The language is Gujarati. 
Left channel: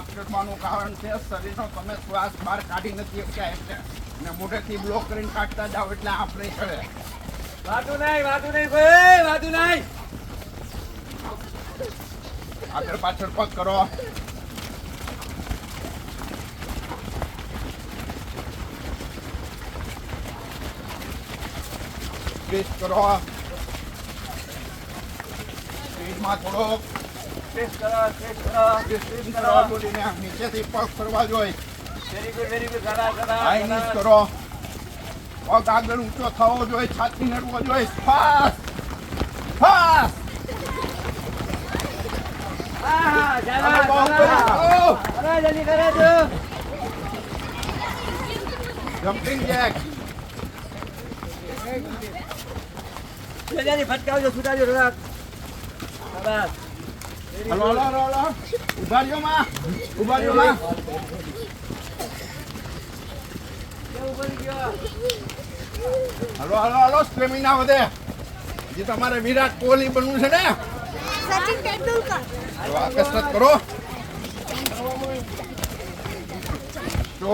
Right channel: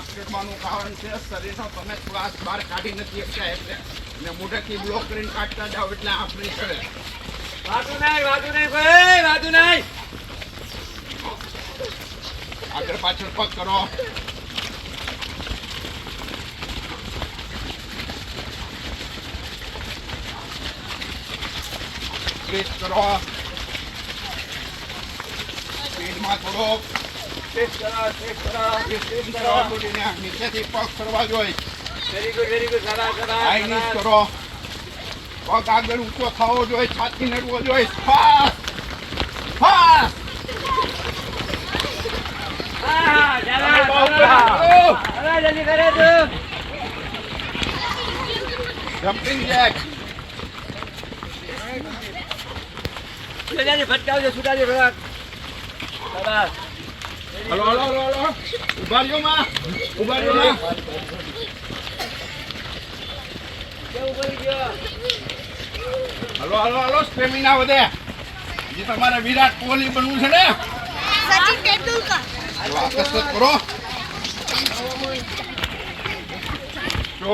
આ ચડવાનું કારણ છે શરીરનો તમે શ્વાસ બહાર કાઢી નથી શકતા એટલે ને મોઢેથી બ્લોક કરીને કાઢતા જાઓ એટલે આપણે ચડે. વાતું નહીં ભાઈ, વાતું નહીં. આગળ પાછળ પગ કરો. ટ્વિસ્ટ કરો. સ્પીડમાં થોડોક ટેસ્ટ કરો. બોડીને નીચેથી પગ ફરવા જોઈએ. વેરી ગુડ, સારા. હાઈ નીચ કરો. પગ આગળ ઊંચો થવો જોઈએ, છાતી નડવો જોઈએ. ફાસ્ટ. હા, જલ્દી કરે છે. Jumping Jack. જલ્દી ફટકાવજો, છૂટાજો થોડાક. સરસ. હલો. ઉભા રહ્યો માં. કેવું પડી ગયો? હલો. સ્ટેમિના વધે. જે તમારે વિરાટ કોહલી બનવું છે ને, સચિન તેંડુલકર. કસરત કરો. જો